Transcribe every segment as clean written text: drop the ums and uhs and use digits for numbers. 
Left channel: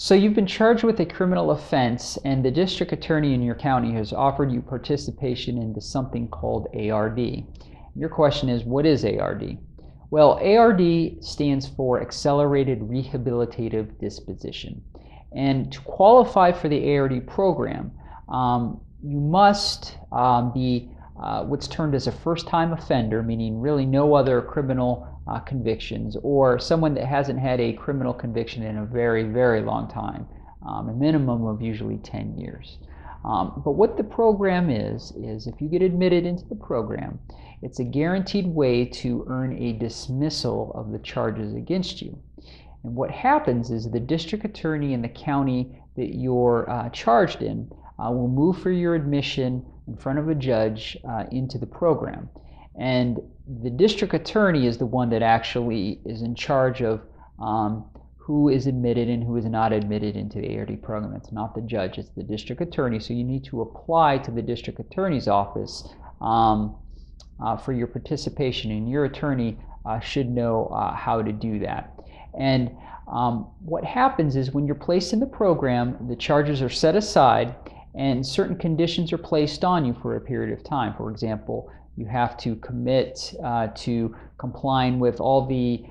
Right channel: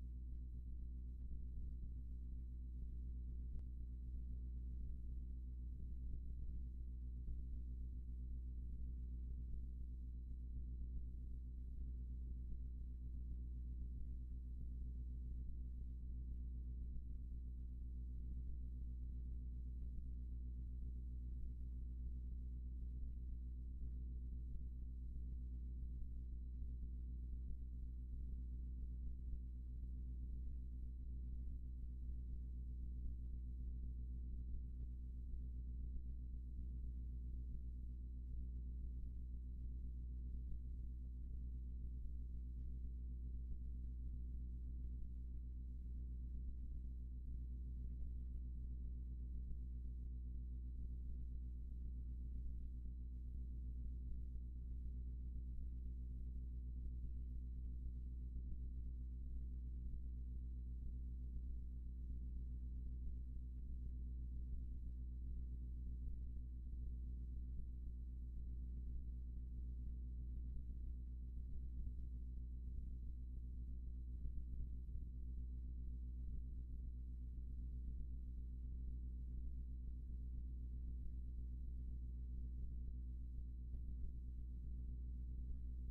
So you've been charged with a criminal offense, and the district attorney in your county has offered you participation into something called ARD. Your question is, what is ARD? Well, ARD stands for Accelerated Rehabilitative Disposition. And to qualify for the ARD program, you must be what's termed as a first-time offender, meaning really no other criminal convictions, or someone that hasn't had a criminal conviction in a very, very long time, a minimum of usually 10 years. But what the program is if you get admitted into the program, it's a guaranteed way to earn a dismissal of the charges against you. And what happens is the district attorney in the county that you're charged in will move for your admission in front of a judge into the program. And the district attorney is the one that actually is in charge of who is admitted and who is not admitted into the ARD program. It's not the judge, it's the district attorney. So you need to apply to the district attorney's office for your participation, and your attorney should know how to do that. And what happens is when you're placed in the program, the charges are set aside and certain conditions are placed on you for a period of time. For example, you have to commit to complying with all the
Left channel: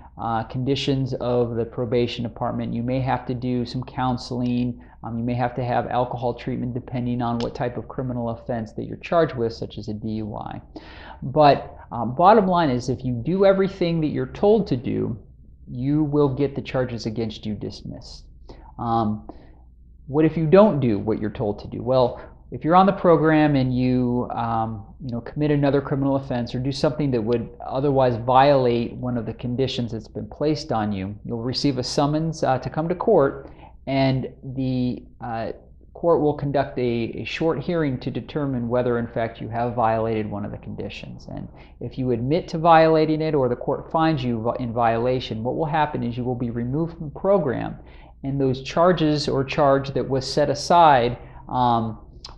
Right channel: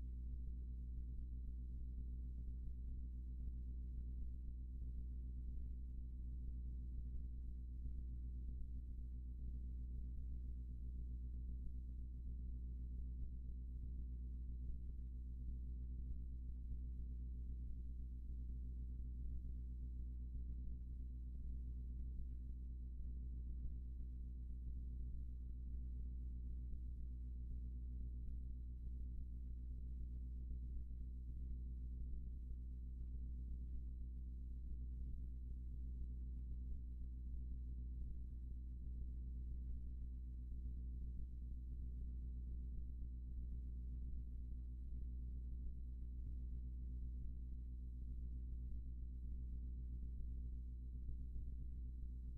conditions of the probation department. You may have to do some counseling. You may have to have alcohol treatment depending on what type of criminal offense that you're charged with, such as a DUI. But bottom line is, if you do everything that you're told to do, you will get the charges against you dismissed. What if you don't do what you're told to do? Well, if you're on the program and you commit another criminal offense or do something that would otherwise violate one of the conditions that's been placed on you, you'll receive a summons to come to court, and the court will conduct a short hearing to determine whether in fact you have violated one of the conditions. And if you admit to violating it, or the court finds you in violation, what will happen is you will be removed from the program, and those charges or charge that was set aside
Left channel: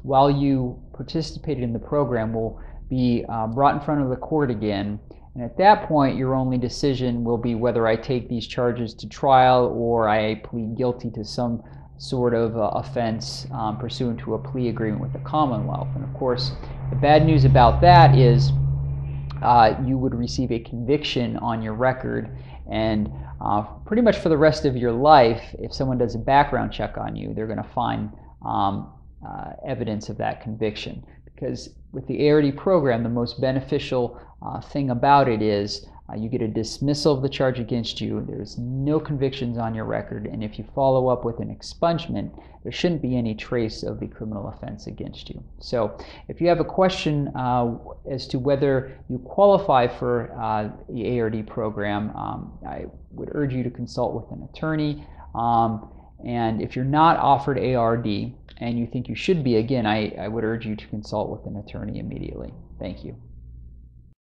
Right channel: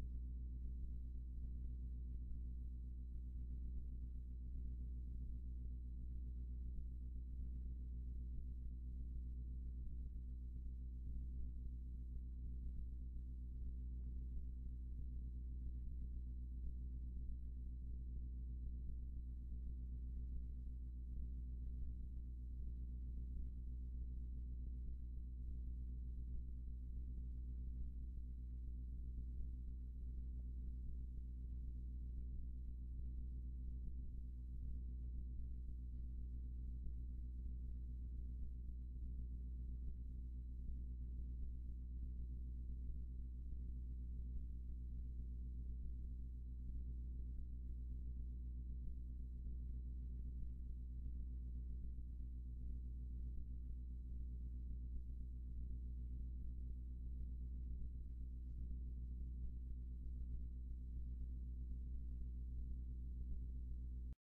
while you participated in the program will be brought in front of the court again. And at that point, your only decision will be whether I take these charges to trial or I plead guilty to some sort of offense pursuant to a plea agreement with the Commonwealth. And of course, the bad news about that is you would receive a conviction on your record, and pretty much for the rest of your life, if someone does a background check on you, they're going to find evidence of that conviction. Because with the ARD program, the most beneficial thing about it is you get a dismissal of the charge against you. There's no convictions on your record, and if you follow up with an expungement, there shouldn't be any trace of the criminal offense against you. So if you have a question as to whether you qualify for the ARD program, I would urge you to consult with an attorney. And if you're not offered ARD and you think you should be, again, I would urge you to consult with an attorney immediately. Thank you.